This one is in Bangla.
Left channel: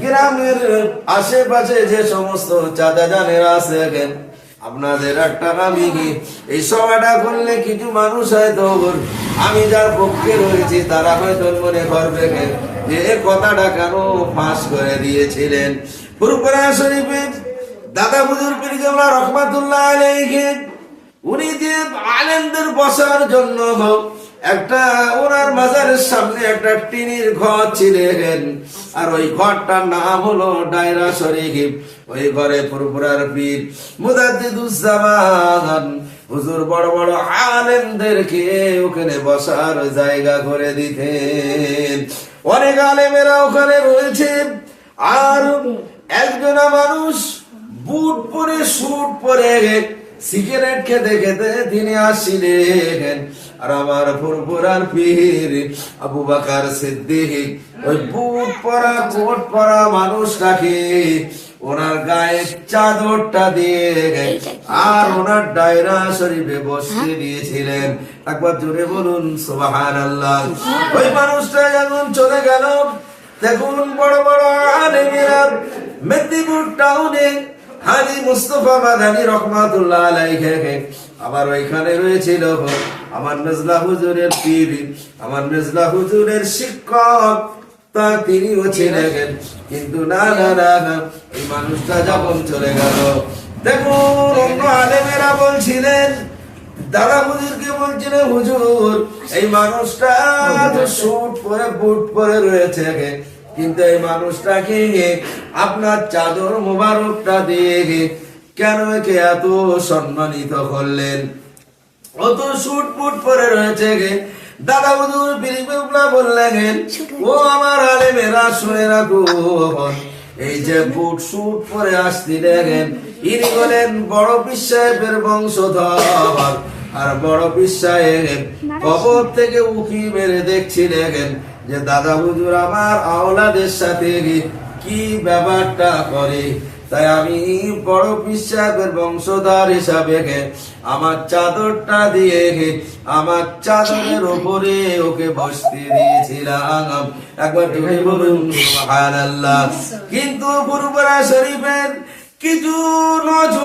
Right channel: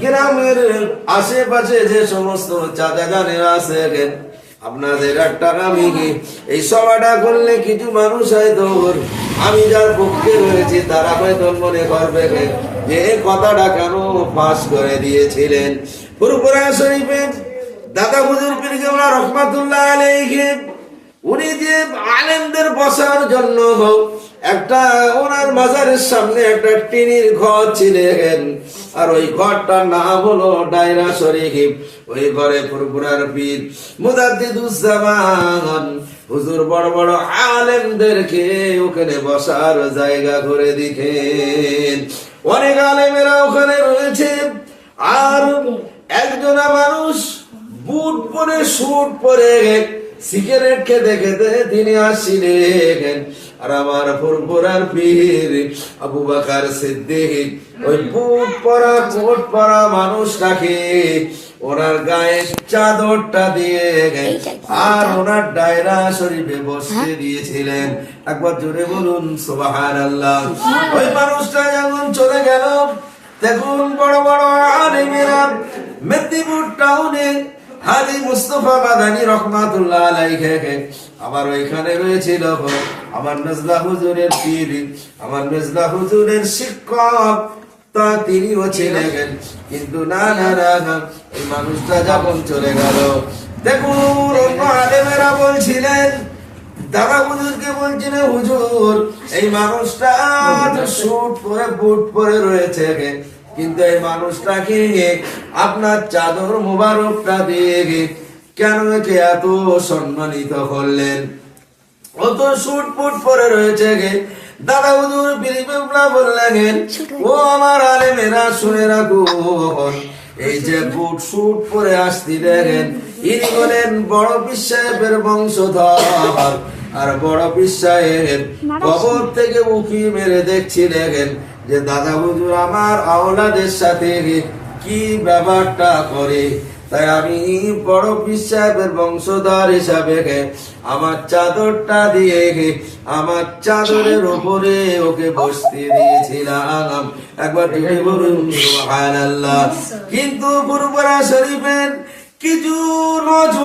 গ্রামের আশেপাশে যে সমস্ত চাচা জানেরা আছে, আপনাদের একটা আমি কি এই সভাটা করলে কিছু মানুষ হয়তো আমি যার পক্ষে রয়েছি তারা হয়তো মনে করবে যে কথাটা কেন পাশ করে দিয়েছিলেন। ফুরফুরা শরীফে দাদা হুজুর পীর কেবলা রহমাতুল্লাহ আলাইহি উনি যে আলেমদের বসার জন্য একটা ওনার মাজারের সামনে একটা টিনের ঘর ছিলেন, আর ওই ঘরটার নাম হলো ডায়রা শরীফ। ওই ঘরে ফুরফুরার পীর মুজাদ্দিদুজ্জামান হুজুর বড় বড় আলেমদেরকে ওখানে বসার জায়গা করে দিতেন। অনেক আলেমেরা ওখানে রয়েছে। আর একজনা মানুষ বুট পরে স্যুট পরে সিগারেট খেতে খেতে তিনি আসছিলেন। আর আমার ফুরফুরার পীর আবু বকর সিদ্দিক ওই বুট পরা কোট পরা মানুষটাকে ওনার গায়ে চাদরটা দিয়ে আর ওনার ডায়রা শরীফে বসতে দিয়েছিলেন। একবার জোরে বলুন সুবহানাল্লাহ। ওই মানুষটা এমন চলে গেল। দেখুন বড় বড় আলেমেরা মেদিনীপুর টাউনে হাজী মুস্তাফা মাদানী রহমাতুল্লাহ আলাইহি আবার ওইখানে রয়েছিল আমার নজলা হুজুরের পীর, আমার নজলা হুজুরের শিক্ষক, তা তিনিও ছিলেন। কিন্তু না না না না এই মানুষটা যখন চলে গেল, দেখুন অন্য আলেমেরা বলছিলেন, দাদা হুজুরকে বলছিলেন হুজুর এই মানুষটা স্যুট পরে বুট পরে রয়েছে, কিন্তু এই মানুষটাকে আপনার চাদর মুবারকটা দিয়ে কেন একে এত সম্মানিত করলেন? অত স্যুট বুট পরে রয়েছে দাদা হুজুর বিরিবেলা বললেন, ও আমার আলেমেরা শুনে রাখুন, এই যে বুট স্যুট পরে আসছিলেন ইনি হলেন বড় পীর সাহেবের বংশধর। আর বড় পীর সাহেব কবর থেকে উকি মেরে দেখছিলেন যে দাদা হুজুর আমার আওলাদের সাথে কি ব্যাপারটা করে। তাই আমি বড় পীর সাহেবের বংশধর হিসাবে আমার চাদরটা দিয়ে আমার চাদরের উপরে ওকে বসতে দিয়েছিলাম। একবার তুমি বলুন সুবহানাল্লাহ। কিন্তু ফুরফুরা শরীফের কিছু